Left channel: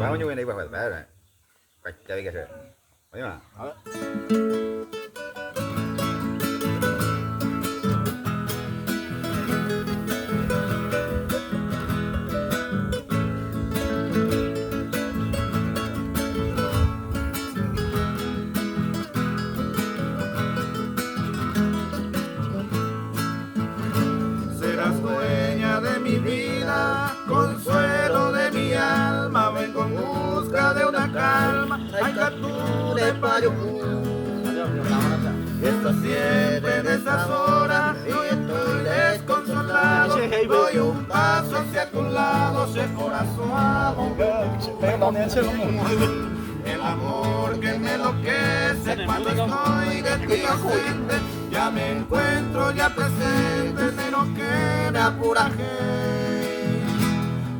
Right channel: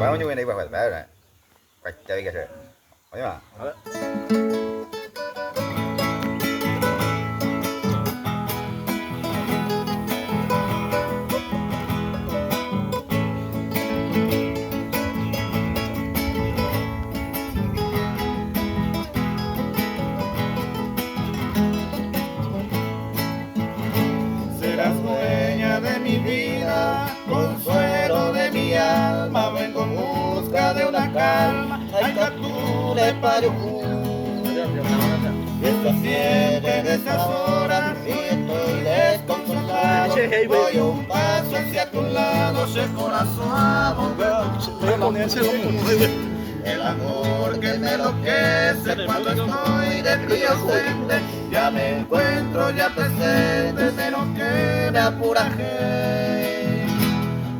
bao nhiêu này phải bé này quạch chơi cái gì thấy mà Serás dueña de mi vida, consuelo de mi alma, vengo en busca de una calma, ay tú de Payucú. Esta siempre en esas horas y estoy desconsolado, doy un paso hacia tu lado, ese corazón el amor que me enloquece cuando estoy de ti ausente, ya me encuentro ya presente, pero que me apura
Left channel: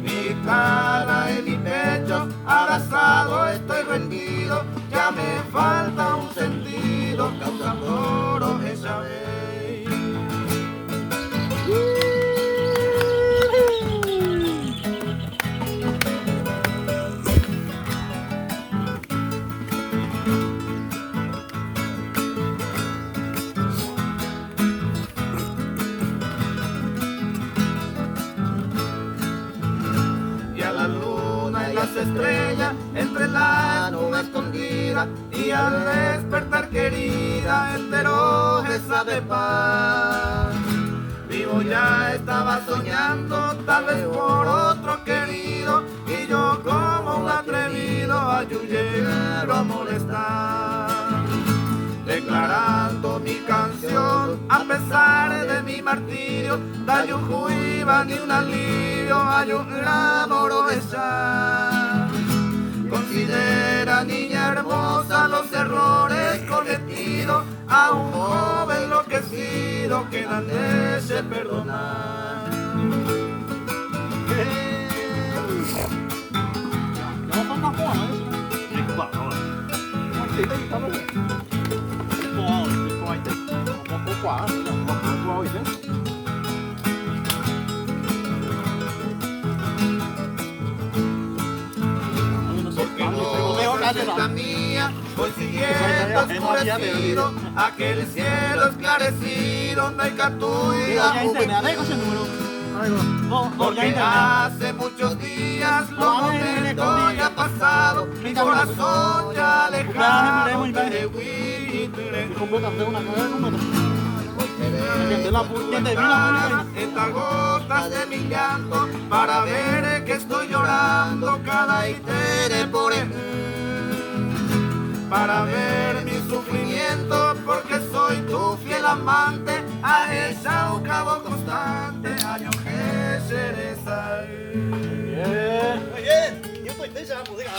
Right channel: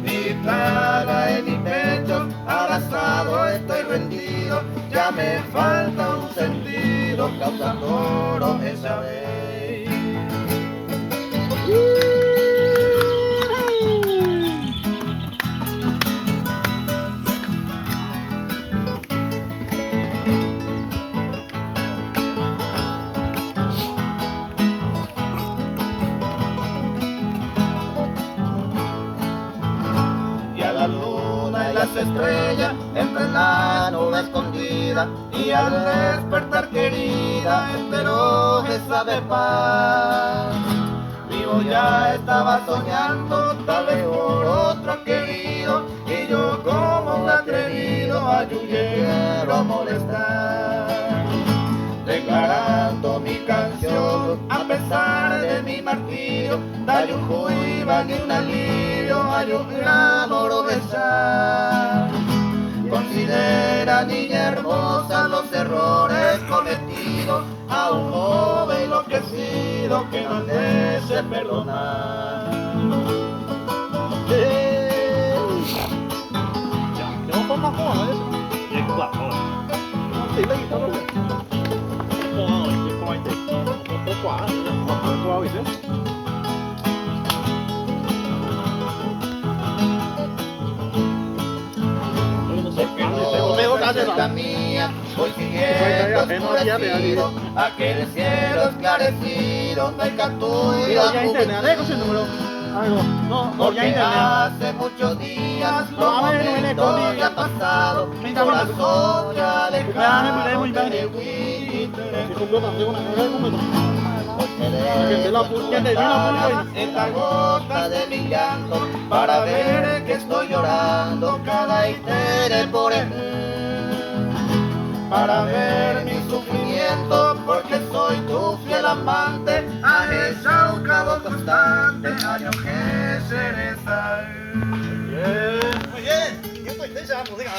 mi plaga en mi pecho, abrazado estoy rendido, ya me falta un sentido, causa coro esa vez. La luna y las estrellas entre la nube escondida y al despertar querida entero esa de paz. Vivo ya estaba soñando tal vez por otro querido y yo como un atrevido ayudero a molestar, declarando mi canción a pesar de mi martirio, hay un juivan y un alivio, hay un amor besar. Considera niña hermosa los errores cometidos, a un joven enloquecido que no desee perdonar. La mía, voy siguiendo oscurecido, aquel cielo esclarecido me cantó y la juventud. Porque hace muchos días los momentos ya pasado, mi corazón ya lejano de estas gotas de mi llanto para ver que estoy llorando cada itere por para ver mi sufrimiento porque soy tu fiel amante, a esa un cabo constante, año que cereza. Muy bien, yo estoy tensa la música.